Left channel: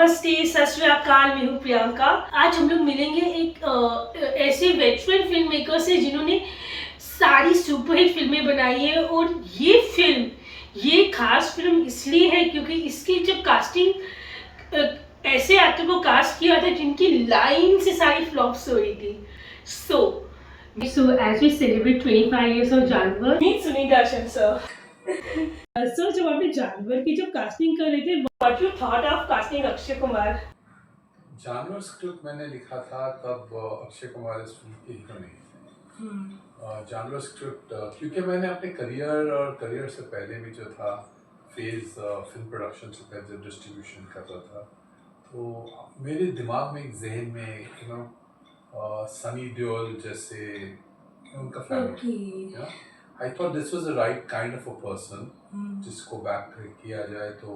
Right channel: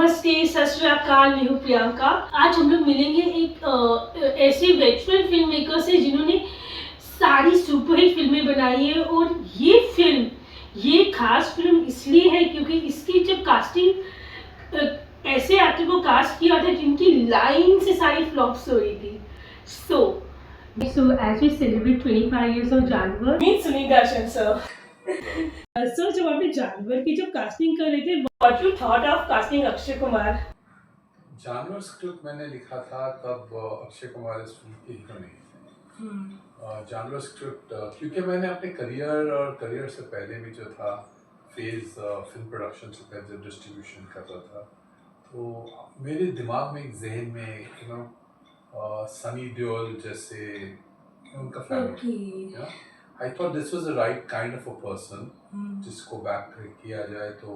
नमस्ते, सत श्री अकाल। मैं हूँ प्रियंका। आज हम लोग मिलेंगे एक ऐसे वेटरन फिल्म मेकर से जिन्होंने सारी सुपरहिट फिल्में बनाई है। और ये खास फिल्म इसलिए है क्योंकि इसकी जब कास्टिंग ऐसे एक्टर को कास्ट किया था जिनकी लाइन से सारी फ्लॉप्स हो रही थी। So as we celebrate 25 years of जानवर, meet सुनीता दर्शन सर। सर, जब आपने जानवर की जब कास्टिंग कर रहे थे, what you thought of casting Akshay Kumar? जानवर स्क्रिप्ट मैंने लिखा था तब अक्षय कुमार इस फिल्म के हीरो नहीं थे। जानवर स्क्रिप्ट क्योंकि मैंने अपने करियर से पहले भी जो था फेज फिल्म प्रोडक्शन से पहले जब डिस्ट्रीब्यूशन कर रहा था, तो मेरे दिमाग में एक जहन में सनी देओल जैसे उनका family, I thought this was the right kind of a person जिसको बैक किया जाए तो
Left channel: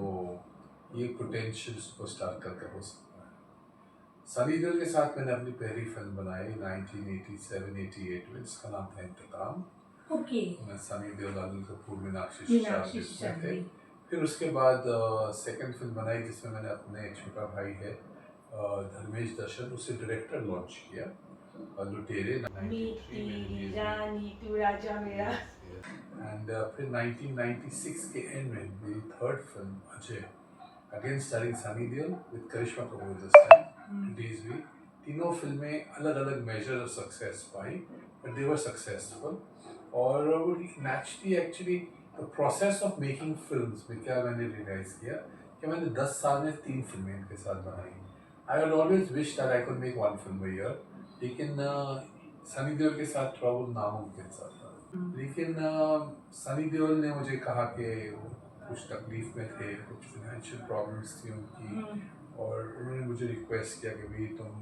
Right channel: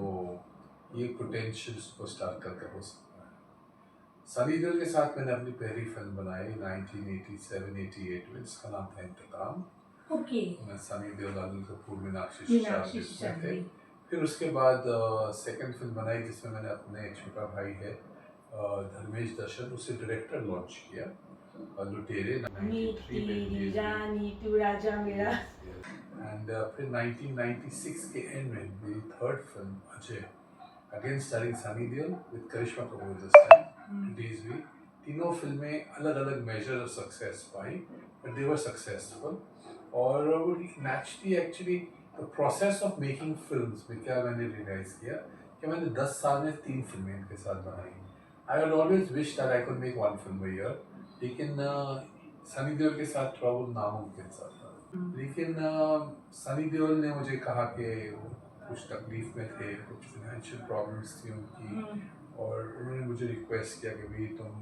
ये पोटेंशियल सुपरस्टार करके हो सकता है। सनी देओल के साथ मैंने अपनी पहली फिल्म बनाई 1987-88 में, जिसका नाम था इंतकाम। मैं सनी देओल, अनिल कपूर, मीनाक्षी सिसोदिया थे। फिर उसके बाद सेकंड फिल्म बनाई जिसमें मैंने अपने छोटा भाई है धर्मेश दर्शन, उसे डायरेक्टर लॉन्च किया, लुटेरे 93 में रिलीज हुई। एंड फिर 1996 के एंड में मेरी third film Ajay, again starring Sunny Deol with Karishma Kapoor this time, release हुई। तीनों फिल्में अलग अलग मेजर ऑफ सक्सेस पाई, बट दे वर सक्सेसफुल। और वो naturally actually the process of making films में क्या मैंने रियलाइज किया कि मैंने 10 साल में 3 फिल्में इनके साथ बनाई। I had always wish that I could make 1 film a year, लेकिन सनी देओल के साथ थोड़ा वो नामुमकिन सा था। लेकिन सनी देओल ने मुझे कहा कि वो कुछ तकलीफ में थे, कुछ फाइनेंशियल प्रॉब्लम्स थी उनकी, और उन्होंने मुझे रिक्वेस्ट किया कि भाई तुम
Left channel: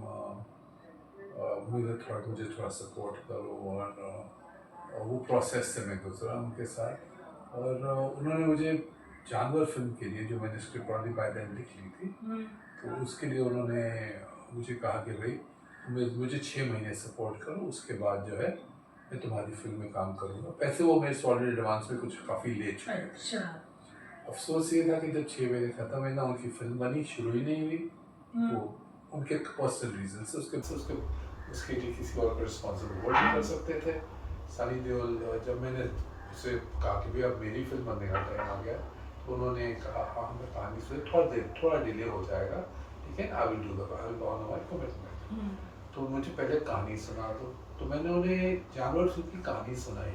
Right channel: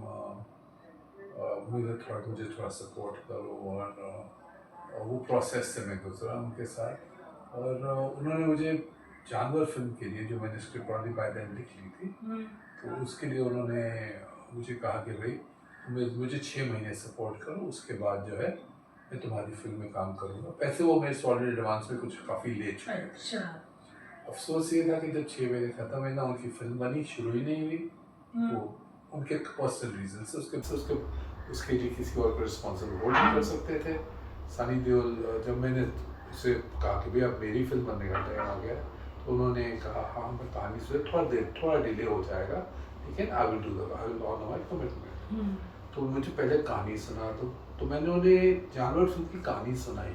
मुझे थोड़ा सपोर्ट करो। और वो प्रोसेस से मैं गुजरा उनके साथ। और उन्होंने मुझे जानवर फिल्म के लिए, जो मैंने स्क्रिप्ट ऑलरेडी बाय देन लिख ली थी, तो उसके लिए उन्होंने मुझे कहा कि भाई मुझे 6 महीने सपोर्ट करो, उसके बाद जो है मैं तुम्हारी फिल्म में काम करूँगा। पैसे वो मेरे से ऑलरेडी एडवांस में कुछ काफ़ी ले चुके हैं। अच्छा। अफसोस ये था कि जब 6 महीने खत्म हुए ना, उनकी फिल्म बनी, शुरू ही नहीं हुई। वो उनके पर्सनल रीजन से उसके लिए किसी और को रिस्पॉन्सिबल होल्ड नहीं कर सकते थे। सनी देओल, जब मैंने उसे कहा कि भाई अब मेरी फिल्म बनने का टाइम आ गया, तो उन्होंने कहा हाँ मैं कहानी से थोड़ा डिले हो जाएगा, लेकिन I will honour my commitment. तो मुझे पहले कहानी सुना दो, तो मैंने उन्हें जानवर फिल्म की कहानी सुनाई।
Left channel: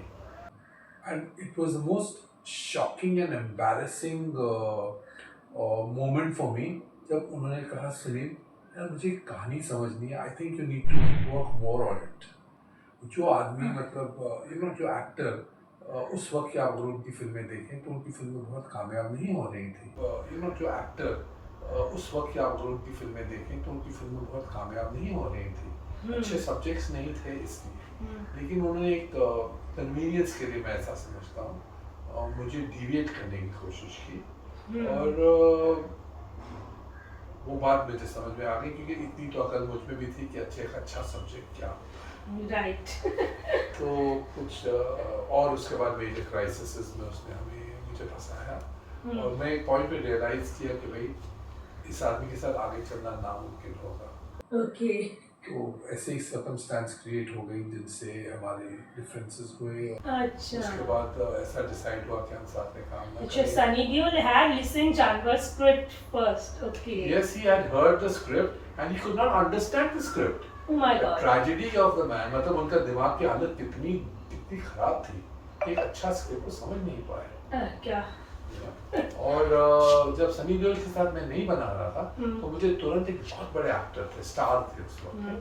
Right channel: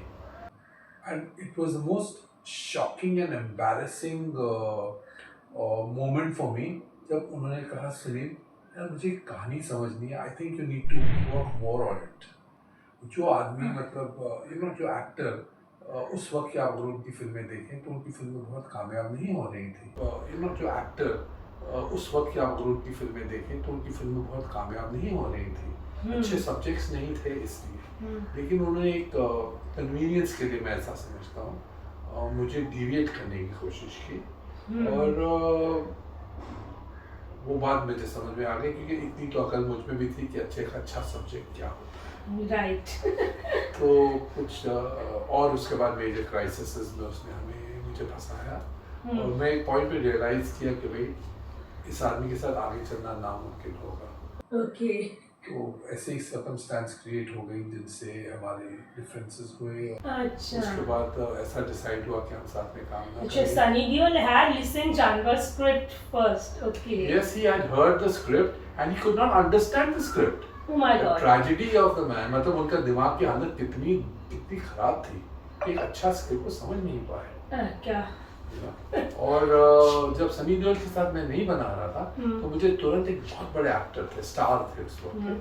And it was the most shocking and embarrassing moment for me जब उन्होंने कहा सुनील यार मुझे कहानी समझनी है, I think you need to work more on it. जो आदमी मतलब जो एक्टर उस वक्त की आप अगर उनकी फिल्में देखें तो उनकी फिल्में बहुत कामयाब नहीं हो रही थी। जो एक्टर उस वक्त की आप अगर उनकी फिल्में देखें तो उनकी फिल्में बहुत कामयाब नहीं हो रही थी, अच्छे सब्जेक्ट्स नहीं थे इसलिए। लेकिन उन्होंने एक कन्वीनियंस के लिए, मैं ऐसा समझता हूँ, मुझे डिविएट करने की कोशिश की। और वो बात मुझे समझ में आ गई, क्योंकि इतनी तो अकल मुझ में भी थी कि अच्छा सब्जेक्ट क्या होता है। राइट। तो कुछ और उसके बाद मेजर क्राइसिस में उसने मुझे फंसाया, और मैं एक पॉइंट पे रियलाइज किया कि भाई इस आदमी के साथ आगे चलना नामुमकिन होगा। ओके। तो ऐसे ही सर्कमस्टेंस क्रिएट हो गई जिनसे हमारे डिफरेंसेस हुए। अच्छा। उसके बाद ऐसा डिसाइड हुआ कि हम साथ में काम ना अच्छा, करें। सनी देओल had listened जानवर script first. Okay. Yes, he had heard the script and he could not understand the script. Oh my The God. tragedy of the man, मतलब उनका दिमाग की हालत कितनी खराब थी कि एक अच्छा स्क्रिप्ट को समझ नहीं पाए। क्या? और जब सनी देओल के साथ मैं नहीं बना रहा था, तो मुझे तुरंत एक बहुत बड़े एक्टर थे, स्टार थे उस वक्त के,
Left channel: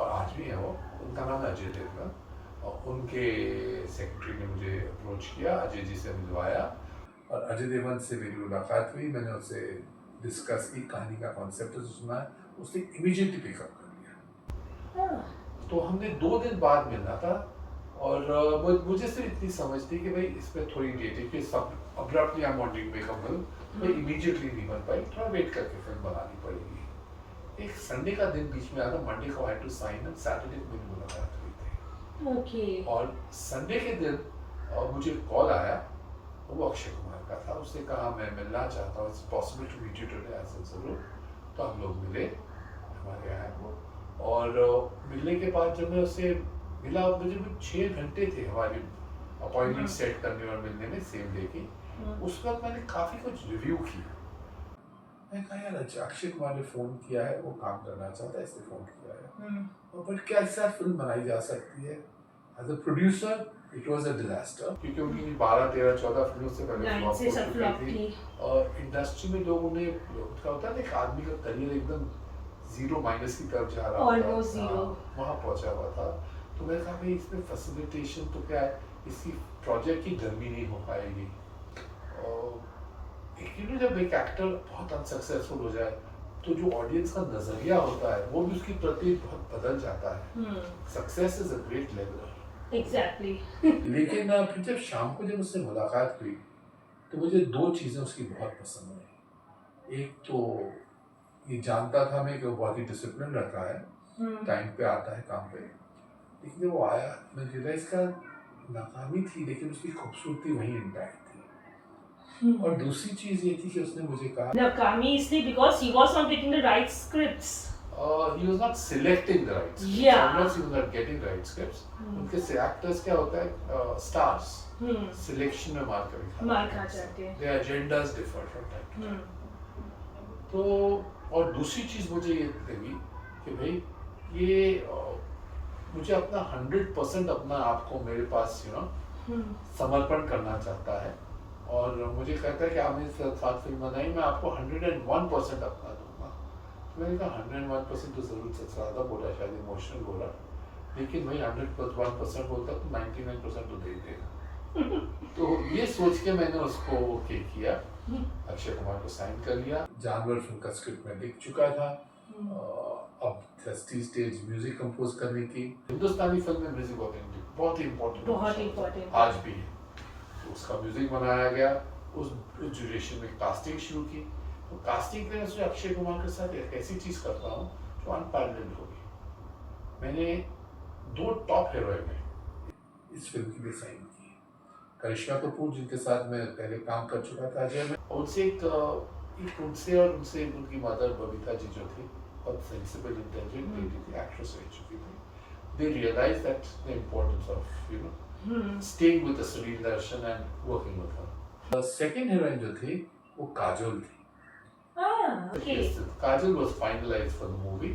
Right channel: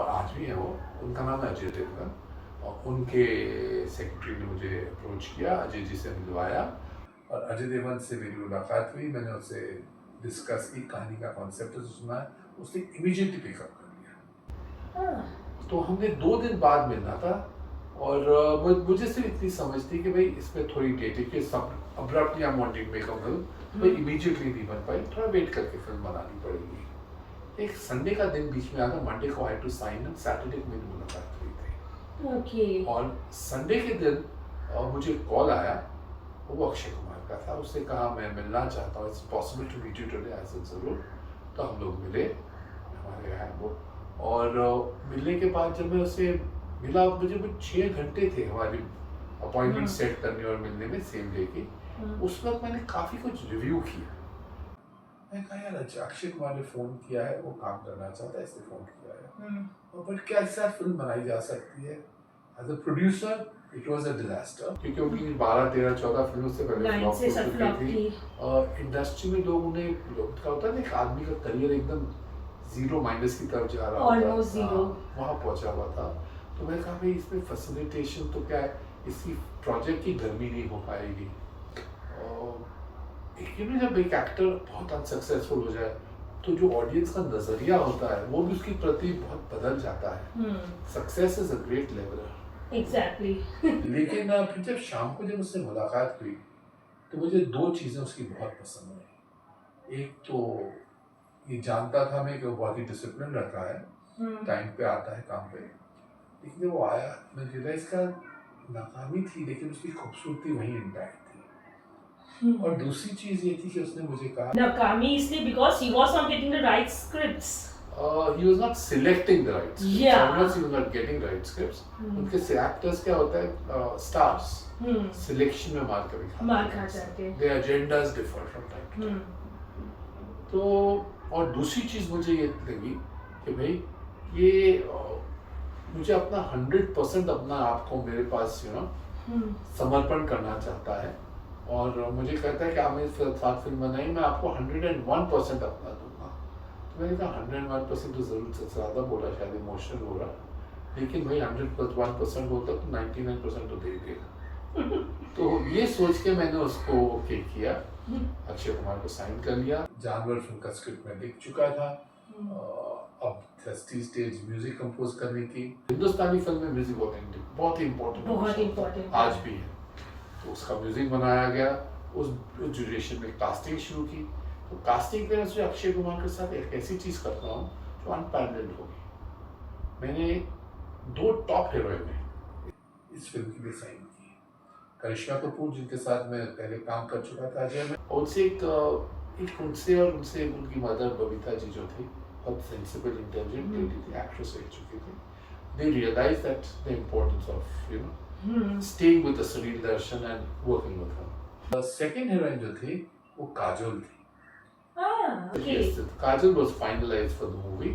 और आज भी है वो, उनका नाम है अजय देवगन। और उनके सेक्रेटरी ने मुझे अप्रोच किया, अजय जी से मिलवाया, और अजय देवगन से मेरी मुलाकात हुई। मैंने उससे डिस्कस की, कहानी का कॉन्सेप्ट सुना, उसने इमीडिएटली पिकअप कर लिया। तो हमने 2 दिन बाद मिलना था, और मुझे सिर्फ इतनी समझ थी कि भाई इस पर थोड़ी डेट है कि सब abruptly I want to make a film, भाई इमीडिएटली नहीं बन पाई, थोड़ा वेट करके फिल्म बनानी पड़ेगी। एक संडे का दिन बीच में आया, मंडे को आई टू साइन, एंड सैटरडे को मेरी मुलाकात हुई थी। ओके। और संडे के दिन मुझे कॉल आया, वो अक्षय कुमार का था। उसने कहा मैं मिलना चाहता हूँ, it's possible to meet you today. I said जरूर। तो हम लोग मिले, हमारे यहाँ वो, और मिलने के बाद जब मैं उससे मिला, मुझे कुछ 6 घंटे थे हमारी अपॉइंटमेंट सेट करने और मिलने में सेम डे की। उस वक्त मैंने काफ़ी कुछ रिव्यू किया। मैं कहा यार अक्षय कुमार ने फ़ोन किया है, वो काम करना चाहता है, इसलिए फ़ोन किया है, और बट क्या इससे फिल्म बनाई जा सकती है? As a producer it was a disaster, क्योंकि उनकी 12, 13, 14 फिल्मों से पहले फ्लॉप हो चुकी थी, और इंडस्ट्री में लोग उन्हें, क्या होता है ना, एक आदमी का करियर एकदम जीरो माइनस की तरफ जा रहा था, वहाँ पहुँचा हुआ था। तो मैंने कहा भाई इसमें फैसिलिटेशन तो क्या है, इसकी प्रोजेक्ट की गर्मी नहीं हो पाएगी। और जब एक एक्टर बहुत अनसक्सेसफुल हो जाए तो जो ऑडियंस का नजरिया होता है वो भी उसके प्रति बहुत बदल जाता है। Success is a great leveller. Exactly. लेकिन फिर जब शाम को जब उससे मुलाकात हुई तो मुझे 2 चीजें उसकी बहुत पसंद आई। एक तो ये जानता था मैं कि वो बहुत ही डिसिप्लिन रखा है, टाइम पे आता है काम पे, लेकिन जब वो आया मैं रियलाइज का नाकामी थी लेकिन उसकी खूबसूरती वहीं इंटैक्ट थी। और दूसरी चीज ये थी कि उसने मुझे कहा नाकामी इसलिए because he was not getting the right scripts, he was not selecting the right scripts. Yeah. Sometimes he was not getting right scripts. उनके actors क्या होता है, stars selection में मार खा जाते हैं. Their agendas differ from time to time. तो और दूसरी चीज मुझे ये लगी कि भाई ये मुझे अपना 100% अपना आप को मेरे पास समर्पण करना चाहता है, और मुझे कहता है कि आप मेरे साथ फिल्म बनाई, मैं आपको 101% अपना दूंगा। तो मैंने कहा 101% तो जरूर से ज़्यादा बोला, शायद इमोशनल बोला, लेकिन भाई 101% होता तो 99% तो दे देगा। तो ये सोच के मैंने उसको ओके किया, अक्षय कुमार को साइन कर लिया। जानवर फिल्म का स्क्रिप्ट मैं लिख चुका था, अब स्टेज म्यूजिक कंपोज करने की। हिंदुस्तानी फिल्म में म्यूजिक बहुत ही इम्पोर्टेंट आज भी है। तो उसका म्यूजिक बनाया गया, उस ड्यूरेशन में कास्टिंग शुरू की। तो कास्टिंग में मैं अक्षय कुमार के साथ एक ऐसी चीज करता हूँ जो अनपैरेलल्ड होगी। मैंने 2 टॉप हीरोइन इस फिल्म के लिए साइन की, करिश्मा कपूर जिनके साथ मैं पहले काम कर चुका था अजय में, उनसे एक उनसे और उनसे उनकी मदर बबीता जी जो थी, बहुत सेंसिबल इंटेलिजेंट लेडी थी, एक्ट्रेस रह चुकी थी। They realized that the importance of staying with the Sunil Darshan and working with her. The second heroine जो थी वो काजोल थी। okay. Yes, Kajol was finalized for the movie.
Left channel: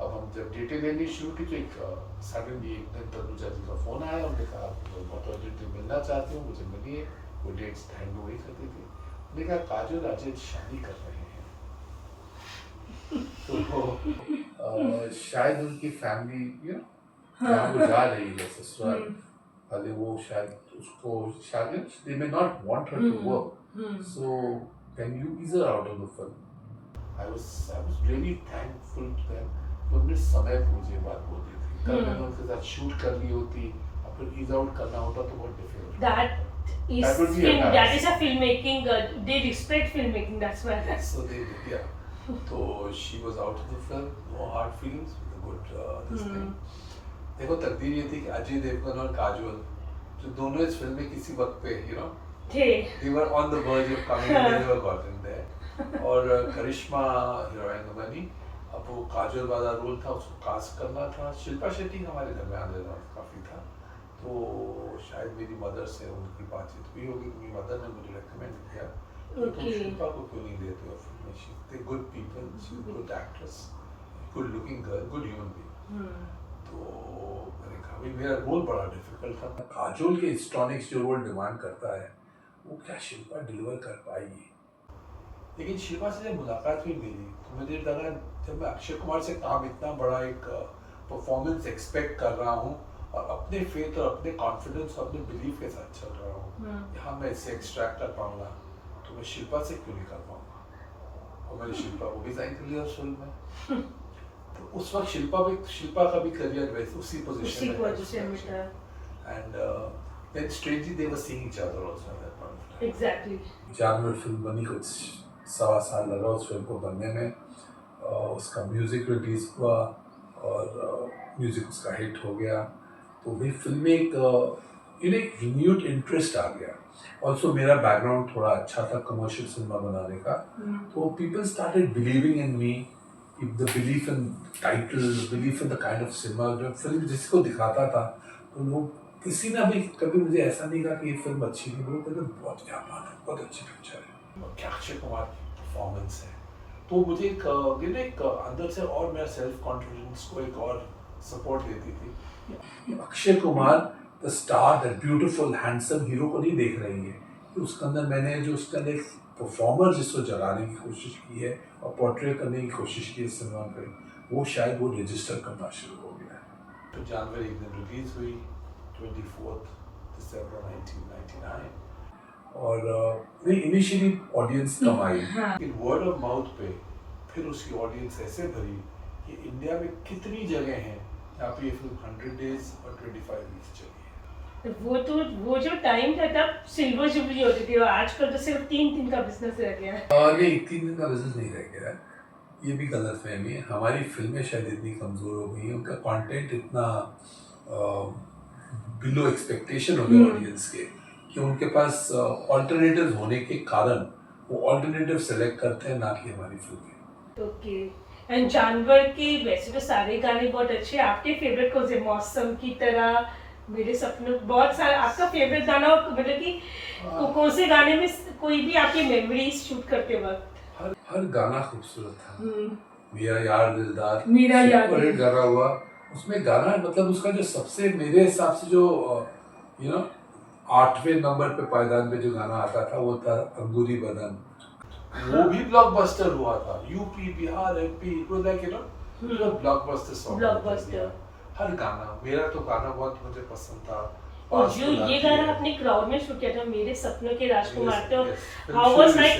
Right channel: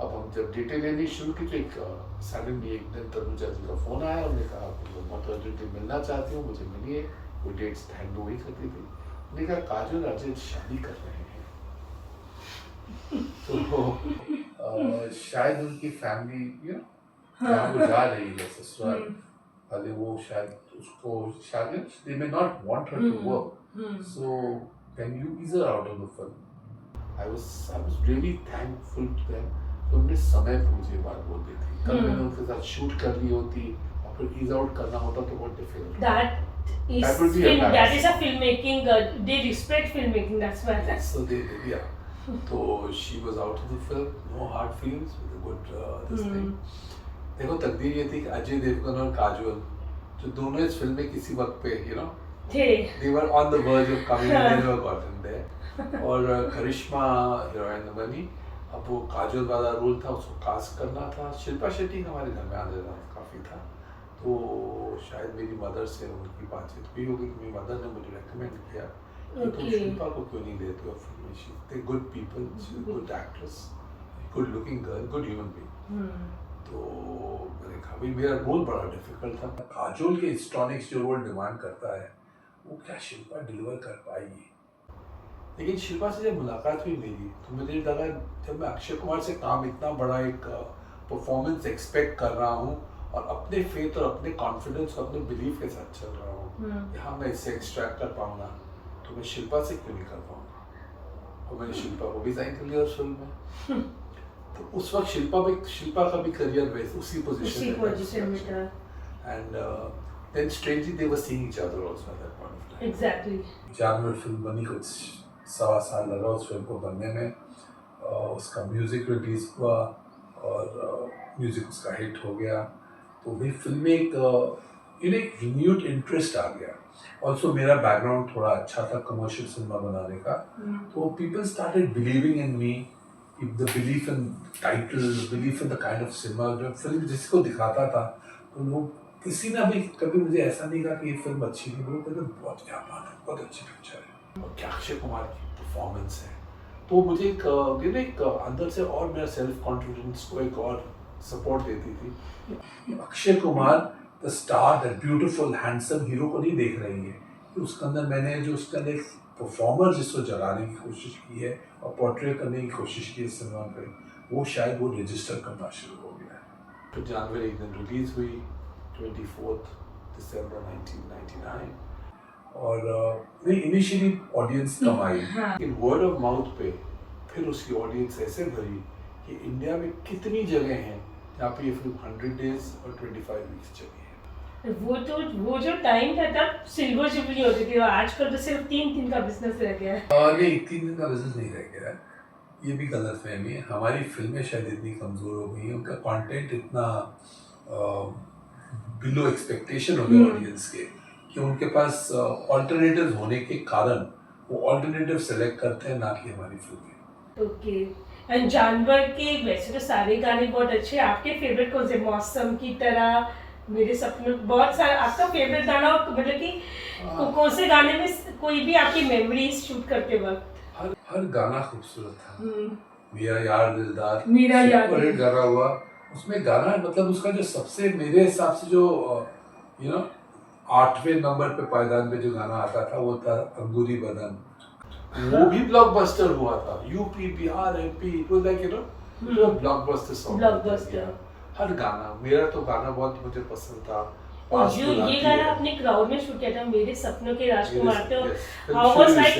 अब हम जब डिटेल लेनी शुरू की तो एक सडनली एक दिन तनुजा जी का फोन आया, उन्होंने कहा बहुत अर्जेंटली मिलना चाहती हूँ, मुझे मिलिए। वो डेट्स हैंड हुई करती थी। उन्होंने कहा काजोल अजय शादी कर रहे हैं। तो शायद उनकी फैमिली जहाँ वो जा रही है ससुराल वाले, वो शायद उसको शायद they may not want her to work, so can you ease her out of the film? I was really thankful to them। तो उन्होंने समय पे मुझे बात बोल दी थी। कल मैंने उनके साथ शूट कर ली होती और फिर ईज आउट करना होता तो बहुत difficult. That is a filmmaking. They respect filmmaking. That's why. So they did, yeah. So she was out of the film, no hard feelings, with a good this thing। देखो तकदीर ये थी कि अजय देवगन और काजोल जो दोनों इस फिल्म में किसी वक्त पे they were on the verge of coming and they never got in there। और करिश्मा हीरोइन बनी। अब वो काजोल वाला रोल था, उसको कास्ट करना था। शिल्पा शेट्टी हमारे घर में आने काफ़ी था, तो शायद मेरी मदर से उनकी बातचीत हुई होगी, मेरी मदर ने मुझे रेकमेंड किया कि तुम शिल्पा को क्यों नहीं लेते हो फिल्म में, she is good people, she is good actress, good looking girl, good human being. तो मैंने कहा भाई मेरा रोल बड़ा डिफिकल्ट था, काजोल के हिस्ट्रॉनिक्स जो रोल डिमांड करता है वो क्या शिल्पा डिलीवर कर पाएगी। लेकिन शिल्पा से जब मुलाकात हुई मेरी तो मुझे लगा जब मैं अक्षय कुमार से काम इतना बड़ा एक परफॉर्मेंस एक्सपेक्ट कर रहा हूँ और अपने फेथ और अपने कॉन्फिडेंस और अपने बिलीफ के साथ चल रहा हूँ, यहाँ मैं इससे एक्सट्रैक्ट कर पाऊंगा तो मैं शिल्पा से क्यों नहीं कर पाऊंगा। और मैंने शिल्पा को भी साइन कर लिया उस फिल्म में। तो उस वक्त शिल्पा का भी करियर वैसे उसी पोजीशन में था। And then strangely they were seeing each other also at that point of time। Exactly। जानवर फिल्म बनी, कुछ 1.25 साल लगा उस फिल्म को बनने में। उसका म्यूजिक रिलीज हुआ और म्यूजिक उसका हिट हो गया। तो भी फिल्म एक इन्हें एक रिन्यूड इंटरेस्ट आ गया। ऑल्सो मेरा बैकग्राउंड थोड़ा अच्छा था कमर्शियल सिनेमा बनाने का, तो people started believing in me. The belief in title, belief in the kind of cinema, जो फिल्म जिसको दिखाता था, तो लोग किसी ने भी कभी मुझे ऐसा नहीं कहा कि ये फिल्म अच्छी नहीं, लोग कहते बहुत क्या बात है, बहुत अच्छी पिक्चर है। और क्या अक्षय कुमार की परफॉर्मेंस है, तो मुझे एक अंदर से और मेरा सेल्फ कॉन्फिडेंस को एक और सपोर्ट देती थी। Akshay Kumar the star, that beautiful handsome hero को नहीं देख रही है कि उसके अंदर मैंने जो उसका एक परफॉर्मर जिसको जगाने की कोशिश की है और पोर्ट्रे करने की कोशिश की है सिनेमा पे, वो शायद वो रजिस्टर करना शुरू हो गया है। तो जानवर एक दिन रिलीज हुई 24 दिसंबर 1999, और इनिशियली ऑडियंस कम आई, लेकिन वर्ड ऑफ माउथ पे फिर उसकी ऑडियंस ऐसे भरी कि इंडिया में कितनी जगह हैं जहाँ पे ये फिल्म 100 डेज और 25 वीक्स चली है। वो जो टाइम था तब सिल्वर जुबली होती थी, और आजकल तो सिर्फ 3 दिन का बिजनेस रह गया है। नहीं, 3 दिन का बिजनेस नहीं रह गया है, ये भी गलत फहमी है। हमारी फिल्में शायद इतनी कमज़ोर हो गई हैं, उनका कंटेंट इतना बिलो एक्सपेक्टेशन हो गया ऑडियंस के, कि उनके पास ऑल्टरनेटिव होने के कारण वो ऑल्टरनेटिव सेलेक्ट करते हैं, ना कि हमारी फिल्में। ओके। एंड जानवर के वैसे तो सारे गाने बहुत अच्छे हैं, आपके फेवरेट कौन से? मौसम की तरह, मेरे सपनों, बहुत सारा आपका फेवरेट गाना, मतलब कि कौन से गाने में कोई भी आपकी मेमोरीज शूट करते वक्त? हर गाना खूबसूरत था। मेरा यार दिलदार, मेरा यार सुपर हिट गाना हुआ। उसमें गाना मतलब उसका जो सबसे मेरे हिसाब से जो 8वें नंबर पे पायदान पे जो गाना आता था वो था अंगूरी बदन। वो भी ब्लॉकबस्टर हुआ था, UP Bihar MP, it was like blockbuster song. Blockbuster. हर गाना, मेरा तो गाना बहुत मुझे पसंद था। और जो ये गाना आपने क्राउड में शूट किया था, मेरे सपनों के राजकुमार, तो हाउ वाज लाइक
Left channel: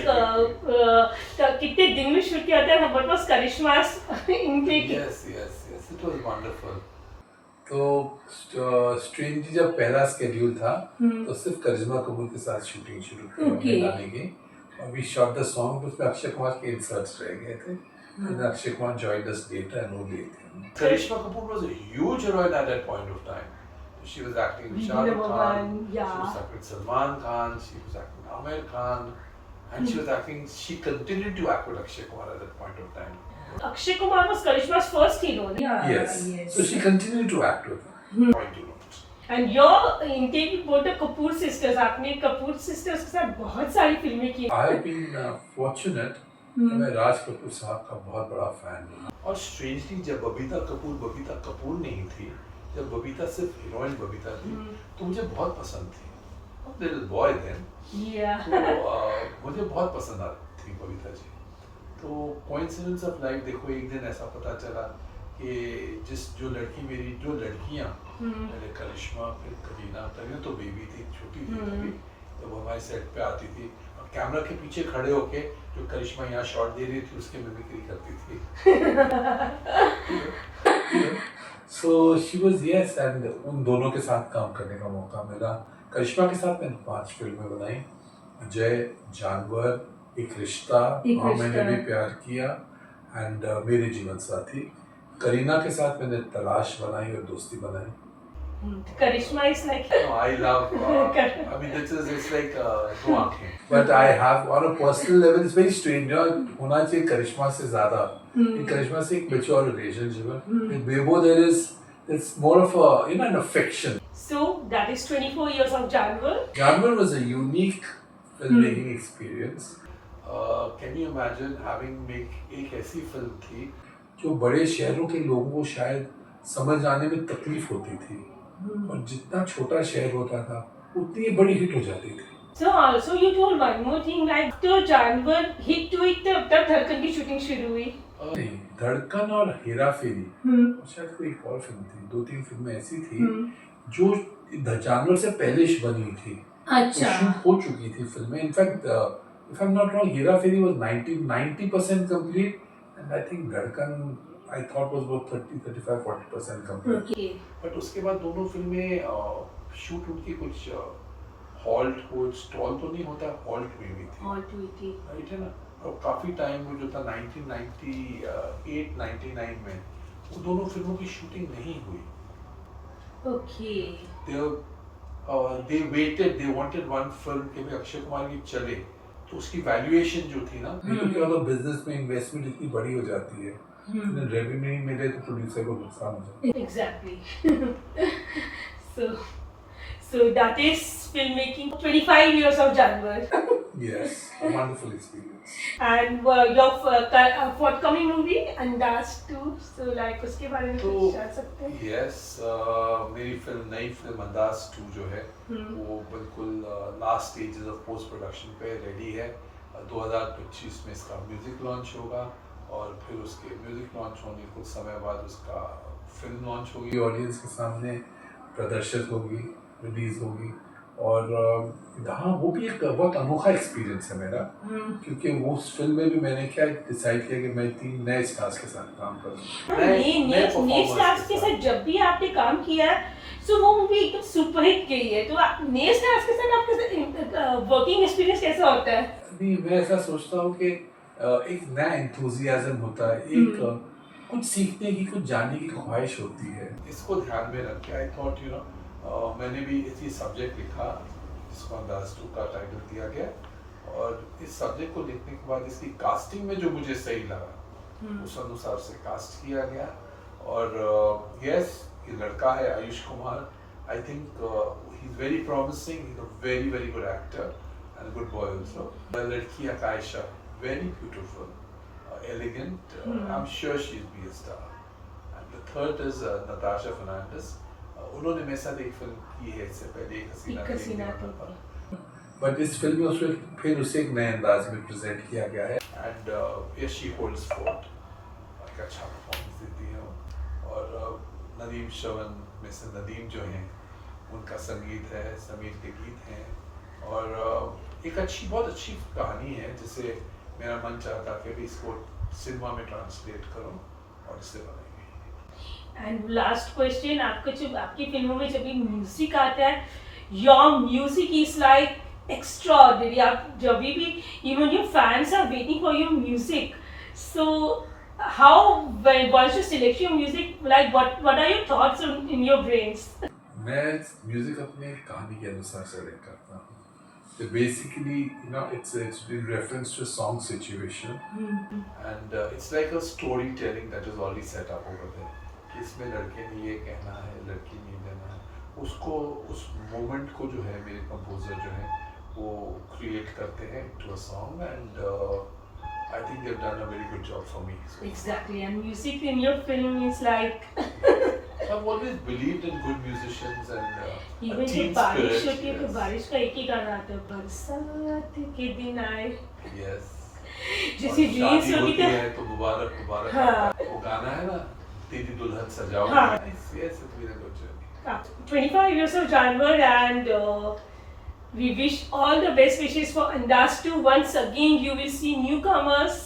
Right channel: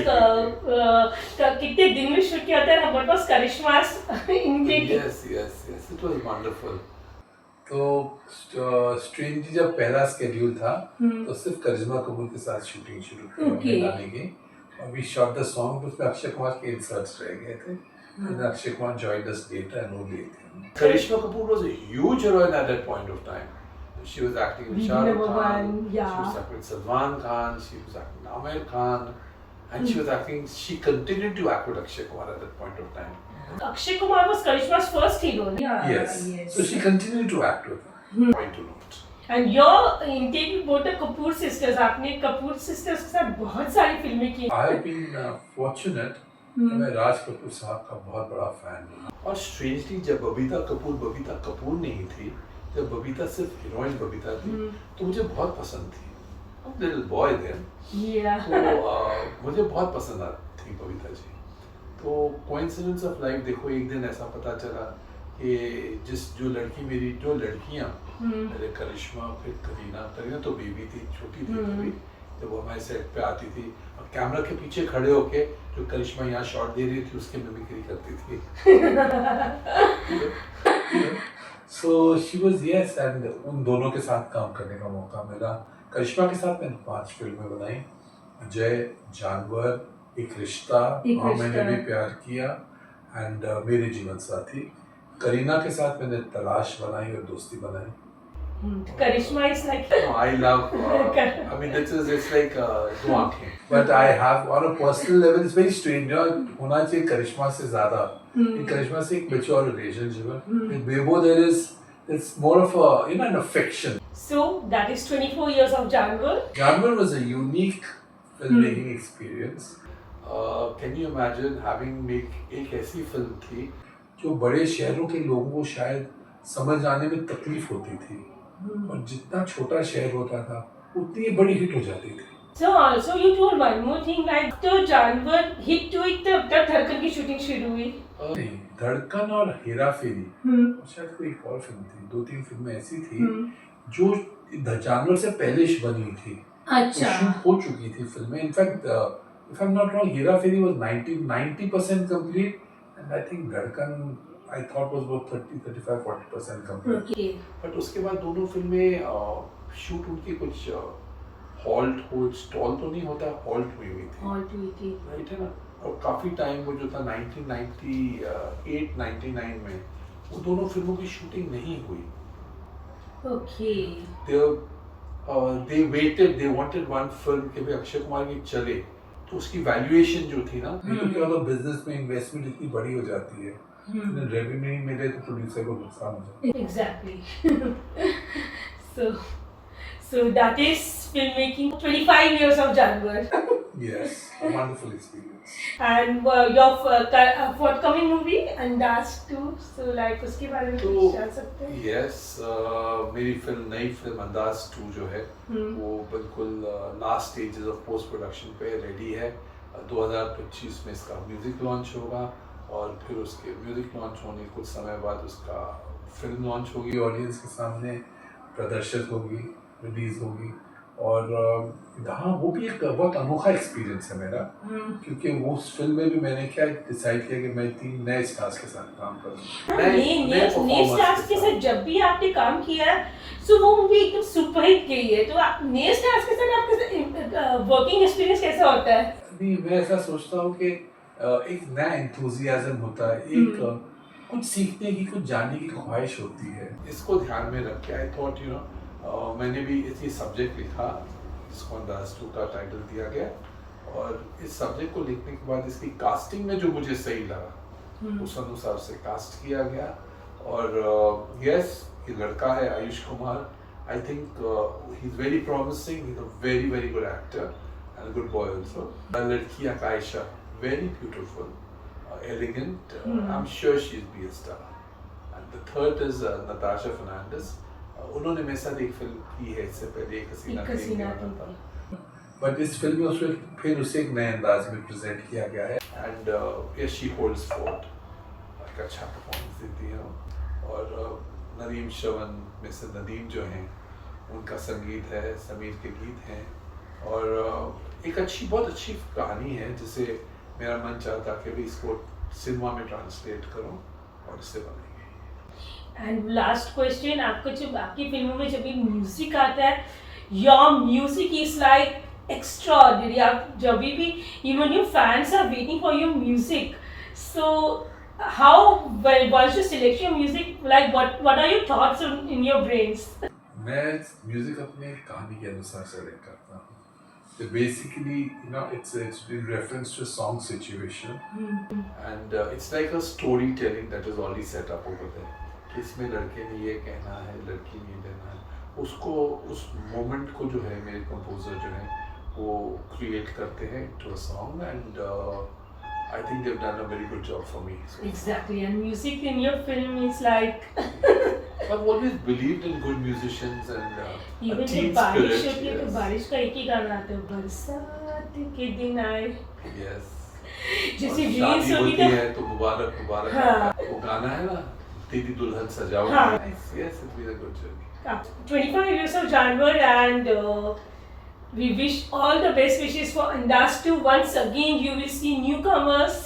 कितने दिन में शूट किया था? व्हाट वाज करिश्मास इनके? Yes it was wonderful. तो स्ट्रेंजली जब पहला स्केड्यूल था तो सिर्फ करिश्मा कपूर के साथ शूटिंग शुरू की गाने की, और वी शॉट द सॉन्ग, उसमें अक्षय कुमार के इंसर्ट्स रह गए थे, and Akshay Kumar joined us later and वो gave them. Karishma Kapoor was a huge heroine at that point of time. She was acting with Shah Rukh Khan, she was acting with Salman Khan, she was acting with Aamir Khan, and she was acting. She continued to act with Akshay Kumar at that point of time. Akshay Kumar was Karishma's first hero. Yes. So she continued to act with him. Point to note. And your intake with both the Kapoor sisters, आपने Kapoor sisters के साथ बहुत सारी फिल्में की। I have been fortunate मैं राज कपूर साहब का बहुत बड़ा फैन हूँ। और स्ट्रेंजली जब बबीता कपूर नहीं थी, जब बबीता सिर्फ हीरोइन बबीता थी, तो मुझे बहुत पसंद थी। लिटिल बॉय देन, तो मुझे बहुत पसंद थी बबीता जी। तो कोइंसिडेंस ऑफ लाइफ, देखो एक दिन ऐसा पता चला कि जो लड़कियाँ मेरे करिश्मा, फिर करीना तो बेबी थी, छोटी थी अभी, जब वो हमारे सेट पे आती थी और कैमरा के पीछे खड़े होके जो करिश्मा यहाँ शॉट दे रही थी उसकी मिमिक्री करती थी। So she was yes, and उन दोनों के साथ काम करने का मौका मिला। करिश्मा के साथ मैंने 5 फिल्में बनाई, अजय, जानवर, एक रिश्ता, मैंने भी प्यार किया, एंड मेरे जीवन साथी। करीना के साथ मैंने तलाश बनाई और दोस्ती बनाई। Karishma is like I love I mean it's like दो आंखें, but I have on a personal level it's very strange, होना चाहिए करिश्मा से ज़्यादा, करिश्मा से एक mature relationship है, with Bebo there is it's more of a an affection. So that is 24 years of Janwar. Janwar was a unique filmmaking experience. Can you imagine having एक ऐसी film थी जो बड़े शहरों के लोगों को शायद समझ आने में तकलीफ होती थी, और जितना छोटा शहर होता था उतनी बड़ी हिट हो जाती थी। So also you told one more thing, like तो जानवर हिट हुई तब धड़कन की शूटिंग शुरू हुई? नहीं, धड़कन और हेरा फेरी और शायद कोई एक और फिल्म थी, 2-3 फिल्में ऐसी थी जो जानवर से पहले बनी थी। अच्छा, शूट हो चुकी थी फिल्में। In fact if I'm not wrong, Hera Pheri was 90% complete, and I think धड़कन I thought was about 30-35-40% complete. Okay. But उसके बाद दोनों फिल्में शूट उनकी कुछ स्टॉल तो नहीं होता, हॉल्ट हुई थी, राइट है ना। और काफ़ी टाइम वो जो था 1998-99 में वो दोनों फिल्मों की शूटिंग नहीं हुई। Okay. they wanted one film कि भाई अक्षय कुमार की चले, तो उसकी वैल्यूएशन जो थी ना, क्योंकि अगर बिजनेस में इन्वेस्टमेंट इतनी बड़ी हो जाती है, रेवेन्यू नहीं मिले तो प्रोड्यूसर को नुकसान हो जाता है। Exactly. So that is filmmaking. 25 years of January. Yes, a wonderful experience. And your forthcoming movie Andas 2. So like उसके बारे में तो कुछ जान सकते हैं? यस, मेरी नई फिल्म अंदाज 2 जो है वो बिल्कुल last stages of post production पे रेडी है। 2025 में इसका म्यूजिक लॉन्च होगा और फिर उसके म्यूजिक लॉन्च होने के कुछ समय बाद उसका फिल्म लॉन्च होगी, ऑडियंस के सामने प्रदर्शित होगी, रिलीज होगी। और हाँ, वो भी एक बहुत अनोखा एक्सपीरियंस है मेरा, क्योंकि वो उस फिल्म में भी मैंने क्या डिसाइड किया कि मैं 3 नए स्टार्स के साथ काम करूँ। नए स्टार्स के साथ जब भी आपने काम किया है, सो वो मूवी एकदम सुपरहिट गई है, तो नए स्टार्स के साथ आपका वर्किंग एक्सपीरियंस कैसा होता है? नहीं, मैं ऐसा सोचता हूँ कि एक नया एंथुजियाज्म होता है, एक कुछ सीखने की, कुछ जानने की ख्वाहिश होती है। इसको ध्यान में रख के आई थॉट मैंने भी इसी सब्जेक्ट लिखा, इसको अंदाज 2 का टाइटल दिया गया, और इस सब्जेक्ट को लिखने के बाद इसकी कास्टिंग में जो मुझे सही लगा उस अनुसार से कास्ट किया गया। और यस, ये लड़का है Ayush Kumar, I think he is very promising, he is a very very good actor and a good boy also. लड़की आकाइशा, very beautiful, elegant. I'm sure she'll be a star. And the third is Natasha Fernandez. उन्होंने मेरे साथ एक film की है इससे पहले, एक हसीना थी। बट इस फिल्म में उसमें फिर उसे एक नए अंदाज में प्रेजेंट किया गया है। And yes, she holds fort, एक अच्छा परफॉर्मेंस देती है वो। और नदीम श्रवण, मिस्टर नदीम जो हैं, उनका संगीत है, समीर के गीत हैं, और एक बहुत अच्छी कहानी है जिसे मेरा मन चाहता कि भी इसको सिनेमा में ट्रांसलेट करूं और इससे बनाई गई। एंड लास्ट क्वेश्चन, आपकी फिल्मों में जब भी म्यूजिक आता है, your music is like extraordinary. आप जब भी even your fans are waiting for your music, so how was your selection music, like what are your thoughts in your brains? मैं म्यूजिक अपने कहानी के अनुसार सेलेक्ट करता हूँ। So basically, it's in reference to a song situation, and it's like a storytelling that is already set up over there. कि इसमें लड़के ने ये कहना है, लड़की ने कहना है, उसको उस मोमेंट को जो है मेरे कंपोजर जो है वो क्रिएट करते हैं to a song, and I think they've done a very good job for me. So. Exactly, and music in your film is like. I've always believed in good musicians and even a team बारिश spirit. होती है तो बारिश का एक ही गाना आता है, बरसात के दिन आए। Yes. जैसे और रील्स शादी होती होती है है तो मुबारक मुबारक, हाँ। वो गाना है ना, तेरी दुल्हन सजाओ। हाँ। Yes, it's been a good journey. 25 years of January, and we wish all the best wishes for Andas 2. Once again, you will see newcomers